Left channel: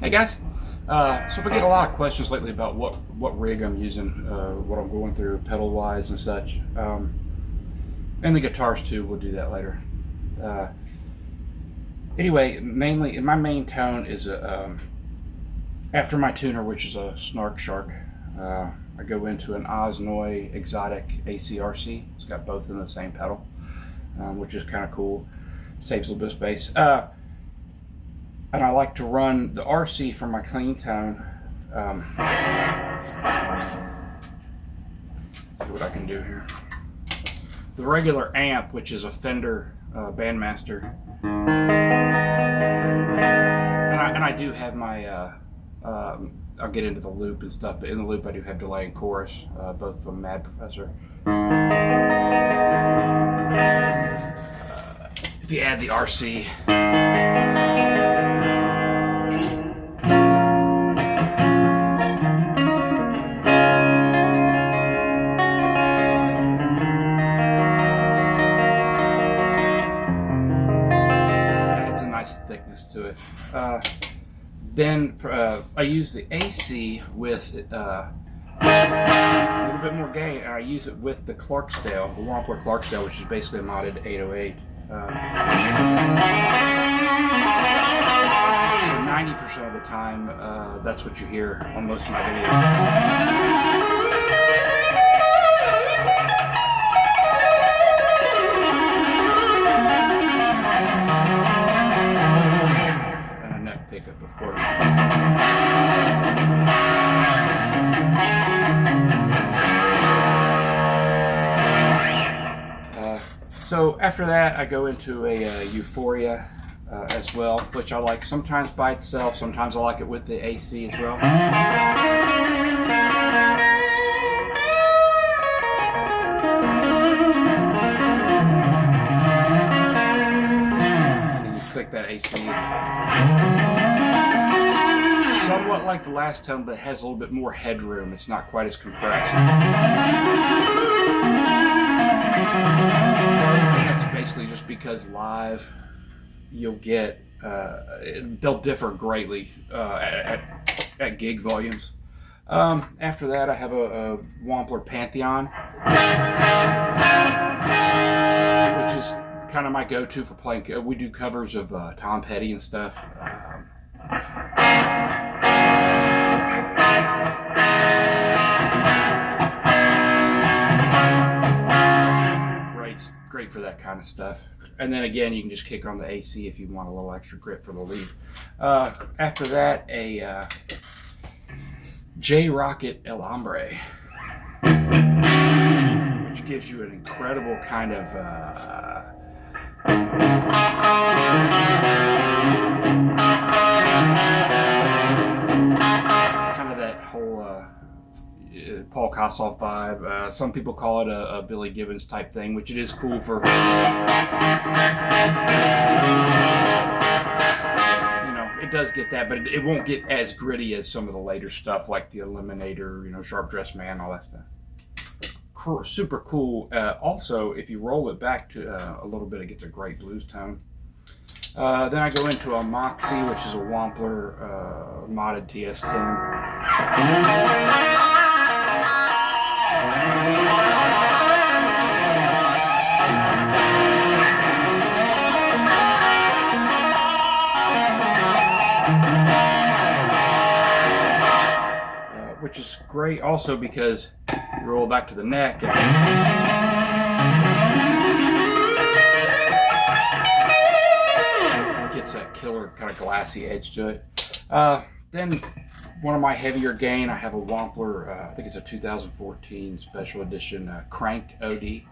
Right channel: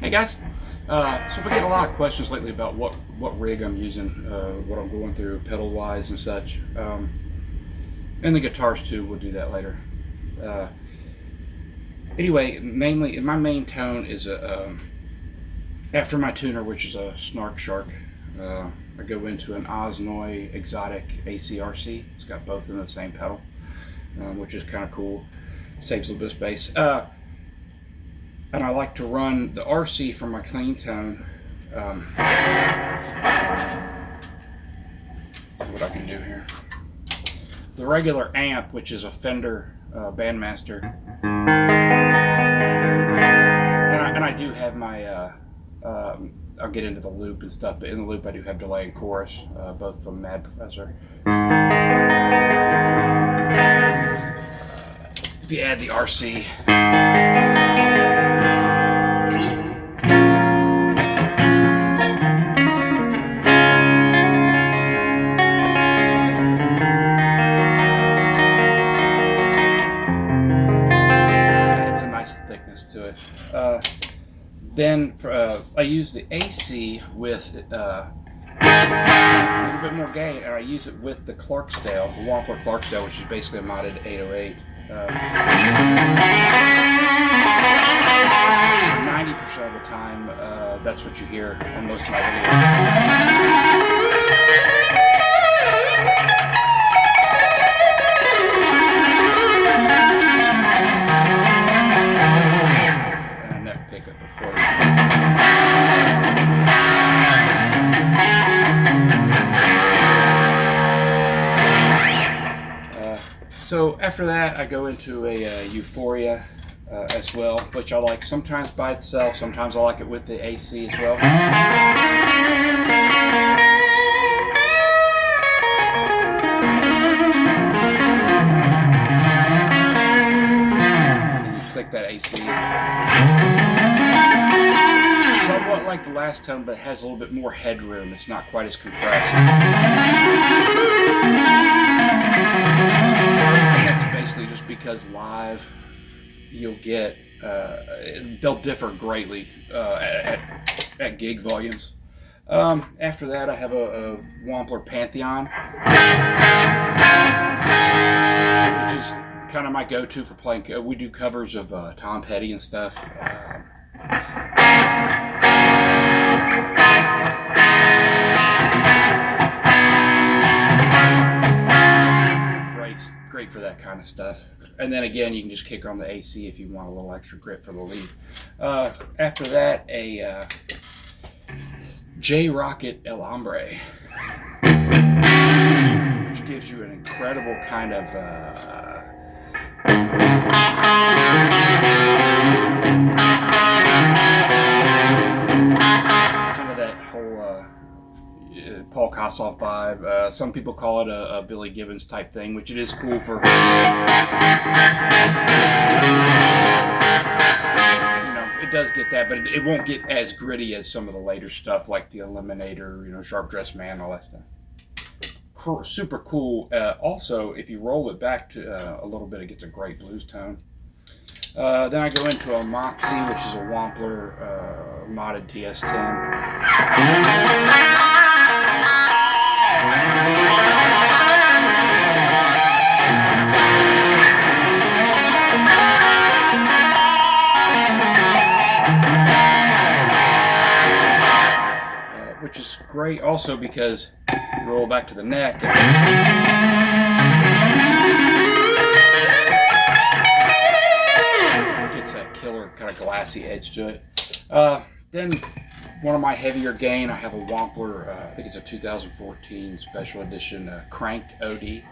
Hey guys, so we get a lot of questions lately about what rig I'm using, what I'm going through pedal wise and such, and the guitars too. We'll do that later. Uh, anyway, mainly my main tone is after my tuner, which is a Snark Shark. I go into an Osnoy Exotic ACRC. It's got both in the same pedal, which is kind of cool. Saves a little bit of space. And I like to run the RC for my clean tone. See what I can do here. The regular amp, which is a Fender Bandmaster, and I do have my. I'll get into the loop and stuff, but in the loop I do have delay and chorus, both from Mad Professor. If you add the RC. Thickness to it. Then I use the AC with a little bit more gain, and I use it with the Clarksdale, the Wampler Clarksdale, which is basically a modded 808. So 90% of the time, that's what you hear on most of my videos. Pickup, of course. So after that, I go into a Euphoria as well, which I like sometimes by itself, sometimes I like it with the AC as well. And you click that AC. Somewhat like the last tone, but it has a little bit more headroom. It's not quite as compressed. And that's basically just because live, you'll get, they'll differ greatly at gig volumes. After that, I have a Wampler Pantheon, which is kind of my go-to for playing. We do covers of Tom Petty and stuff. Great for that kind of stuff. And then again, you can just kick on the AC if you want a little extra grip for the lead. After that, a J-Rocket El Hombre, which gives you an incredible kind of that whole Paul Kossoff vibe. Some people call it a Billy Gibbons type thing, which it is cool for, it does get that, but it won't get as gritty as some of the later stuff like the Eliminator, Sharp Dressed Man, all that stuff. Super cool. Also, if you roll it back to a little bit, it gets a great blues tone. Then I go into a Moxie, which is a Wampler modded TS10. Which is great also because you roll back to the neck and it gets that killer kind of glassy edge to it. Then one of my heavier gain, I have a Wampler, I think it's a 2014 special edition Cranked OD.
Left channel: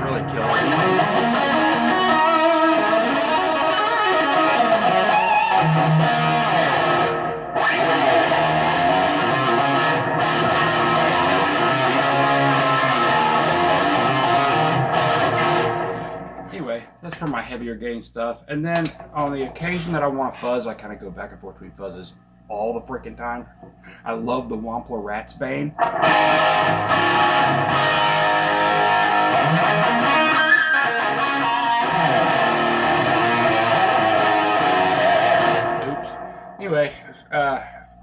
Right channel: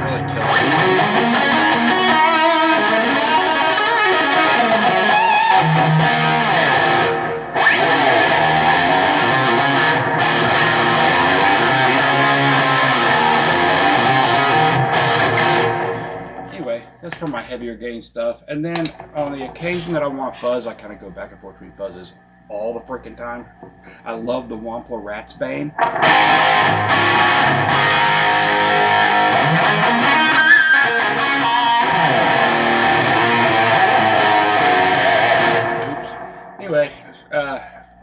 Really killer. That's for my heavier gain stuff. And then on the occasion that I want fuzz, I kind of go back and forth between fuzzes all the freaking time. I love the Wampler Ratsbane. Oops. Anyway,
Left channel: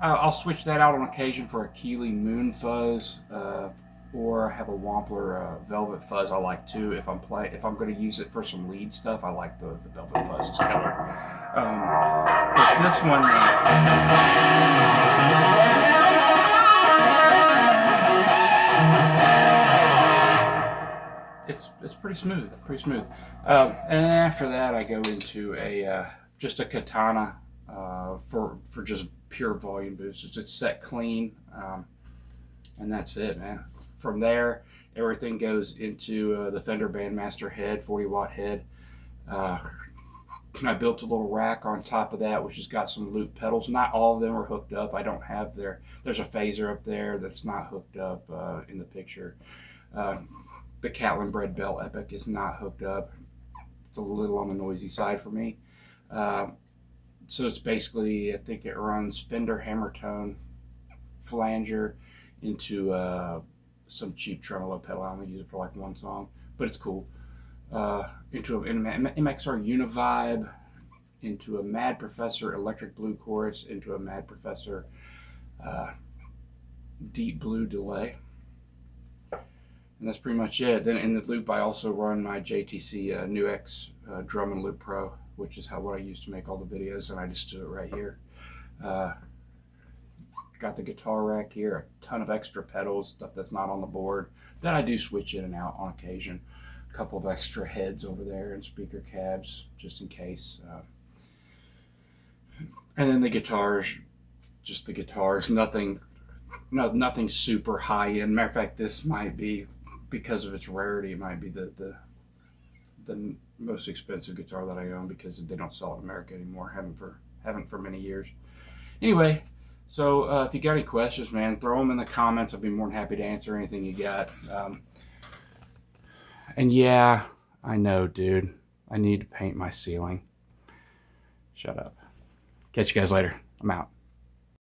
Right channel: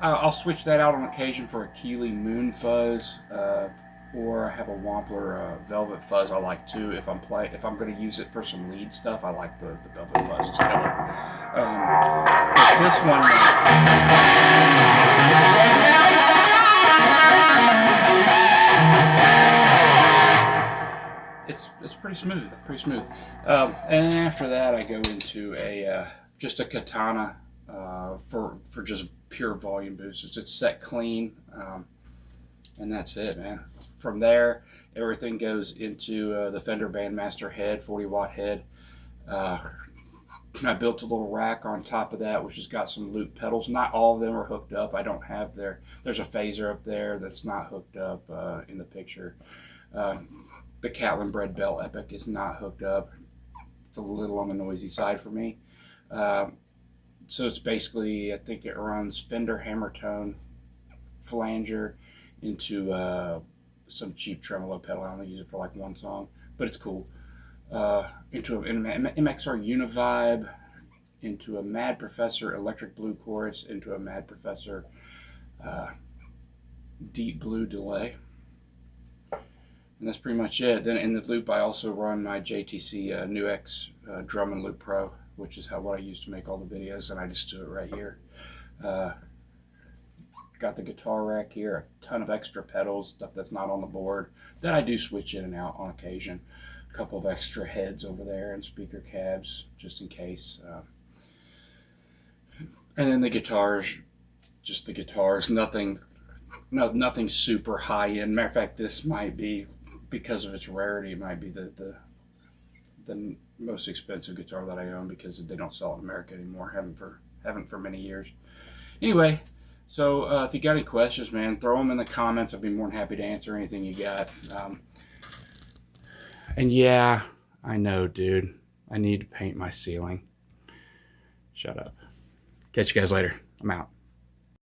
I'll switch that out on occasion for a Keeley Moon Fuzz, or I have a Wampler Velvet Fuzz I like too. If I'm going to use it for some lead stuff, I like the Velvet Fuzz. It's killer. But this one, it's pretty smooth, and after that, I go into just a Katana for just pure volume boosts. It's set clean, and that's it, man. From there, everything goes into the Fender Bandmaster head, 40-watt head. I built a little rack on top of that, which has got some loop pedals. Not all of them are hooked up. I don't have there's a phaser up there that's not hooked up in the picture. The Catlin Bred Bell Epic is not hooked up. It's a little on the noisy side for me. So it's basically, I think it runs Fender Hammertone flanger into some cheap tremolo pedal. I only use it for like one song, but it's cool. Into an MXR Univibe, into a Mad Professor Electric Blue Chorus, into a Mad Professor Deep Blue Delay. And that's pretty much it. Then in the loop, I also run my JTC NuX Drum and Loop Pro, which is what I use to make all the videos, and I just do it right here. Got the guitar rack here, a ton of extra pedals, stuff that's not on the board, that I do switch in and out on occasion. A couple of extra heads over there and speaker cabs, just in case. And then the guitars, just the guitars, nothing super high end. Matter of fact, this might be, because of its rarity, it might be the most expensive guitar that I own, because they don't sell it in America anymore. Haven't for many years. Anyway, so if you got any questions, man, throw them in the comments. I'd be more than happy to answer anything you got. And yeah, I know, dude, I need to paint my ceiling. Shut up. Catch you guys later. I'm out.